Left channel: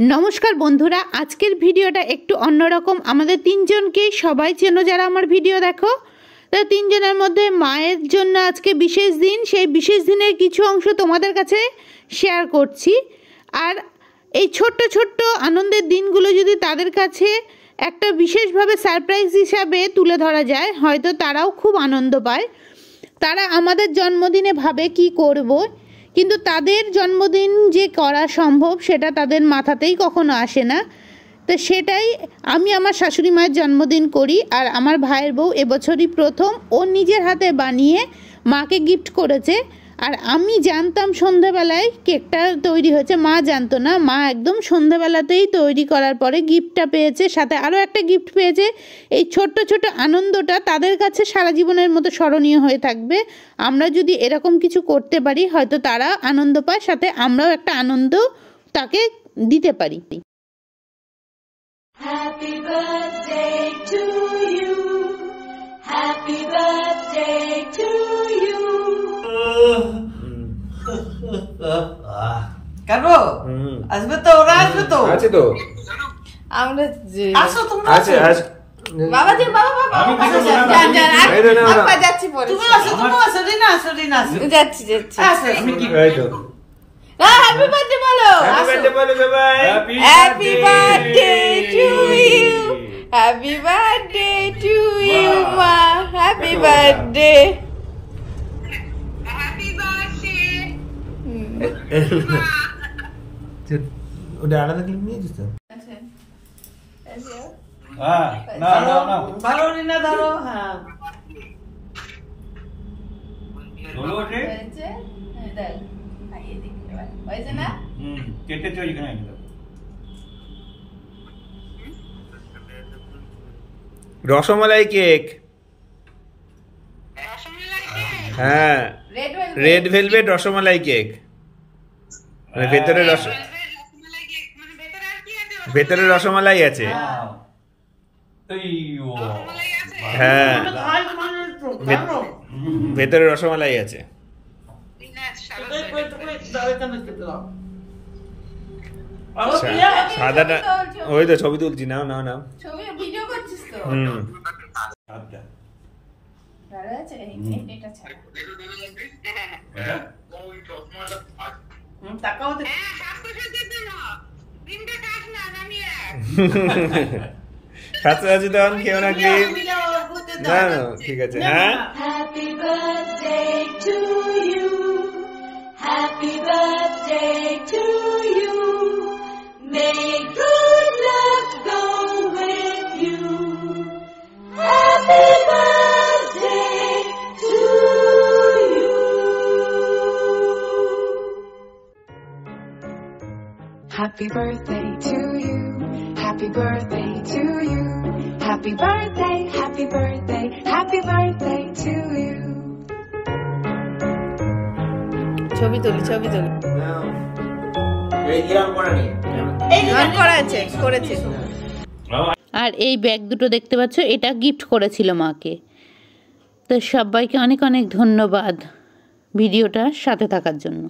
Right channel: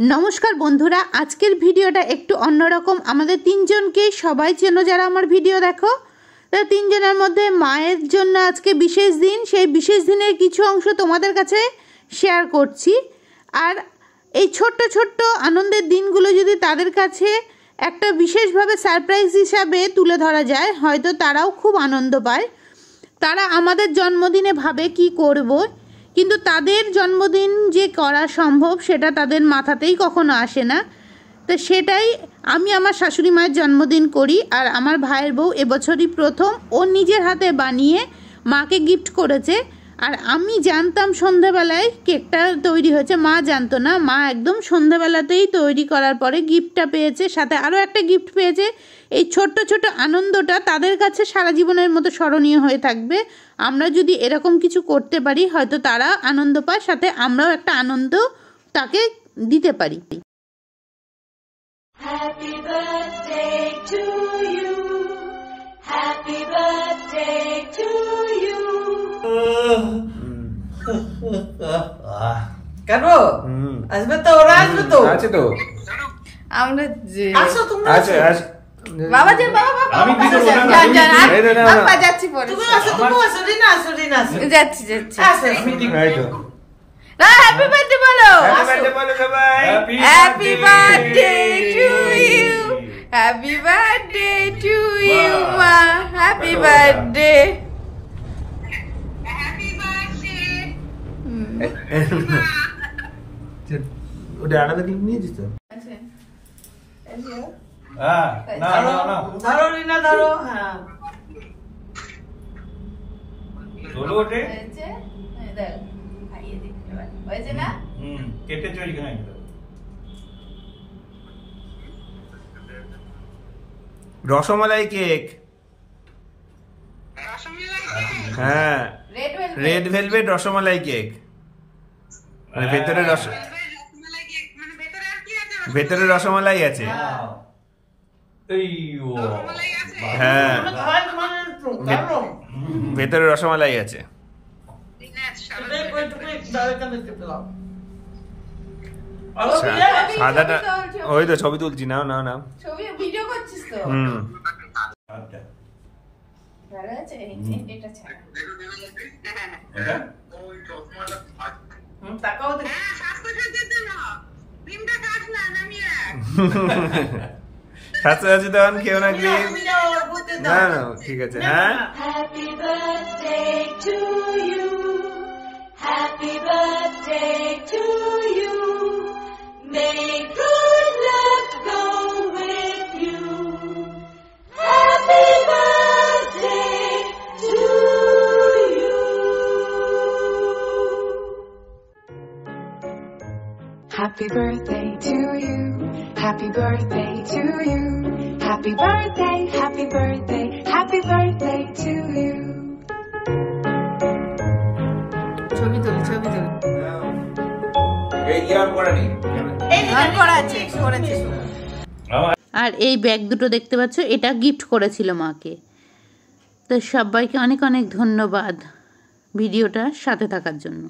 नमस्कार बंधुरा आजकेर भिडियोटा एकटू अन्यरकम आमादेर तीनजनके सबाई चेनो जारा आमार भिडियो देखो तो तीनजनेर मध्य मायेर जन्य आजके विशेष दिन सेई विशेष दिनेर किछु अंश तोमादेर काछे शेयर करछि आर এই ছোট্ট ছোট্ট আনন্দের দিনগুলো যদি তাদের কাছে একটা বিশেষভাবে সারপ্রাইজ হিসাবে তুলে ধরা যায় হয়তো তারাও খুব আনন্দ পায়। তারা আমাদের জন্মদিনে ভাবে কি করব কিন্তু তাদের জন্মদিন যে করা সম্ভব সেটা তাদের মাথাতেই কখনো আসে না। তো সেটাই আমি আমার শাশুড়ি মায়ের জন্মদিন করি আর আমার ভাইয়ের বউ এবছরই প্রথম ও নিজের হাতে বানিয়ে মাকে গিফট করেছে। আর আমি জানতাম সন্ধ্যাবেলায় কেকটা তৈরি হয়েছে, মা জানতো না। মা একদম সন্ধ্যাবেলাতেই তৈরি করার পরে গিফটটা পেয়েছে, সাথে আরও একটা গিফট পেয়েছে। এই ছোট্ট ছোট্ট আনন্দটা তাদের কাছে সারা জীবনের মতো স্মরণীয় হয়ে থাকবে। আমরা যদি এরকম কিছু করতে পারি হয়তো তারা আনন্দ পায়, সাথে আমরাও একটা আনন্দ তাকে দিতে পারি। Happy birthday to you. Happy birthday to you. কারো আসবে তো, ওরা আসবে তো, আছে তো আমরা যে আসো তোমরা আসো বাবা যে বাবা বাবা যান যান আপা যাচ্ছি পরে তুমি আসো রিনা আসো যাচ্ছি আমি ঠিক হয়তো না হ্যাপি বার্থডে বলো happy birthday to you happy birthday to you মা হ্যাপি বার্থডে ওটা আলাদা দিন নিয়ে দিতে হ্যাঁ না ধরো রিনা ধরো হ্যাঁ ধরো ওটা হয়েছে দাও খাইয়ে দিই এবার হয়েছে না কেটে চই খাই দাও রসমালাই কেক হ্যাঁ রেড ভেলভেট রসমালাই কেক মানে ভেতরে রসমালাই আছে হ্যাঁ ভেতরে রসমালাই আছে সাদাটা ওই তো ছবি তুলছি নাও ছবি ভিডিও করছিস তো ভালো আছে এটা ছাড়া তাকাও তো স্বাস্থ্য তখন কেউ না ক্লিপ না ঠিক আছে হ্যাঁ Happy birthday to you. Happy birthday to you. May good luck go with you. Happy birthday to you. Happy birthday to you. Happy birthday to you. Happy birthday, happy birthday, happy birthday to you. ছবি তুলি করা আছে করেছে। আর এই bag দুটো দেখতে পাচ্ছ, এটা গিফট করেছিল মাকে। তো সবাইকে অনেক অনেক ধন্যবাদ ভিডিওটার সাথে থাকার জন্য।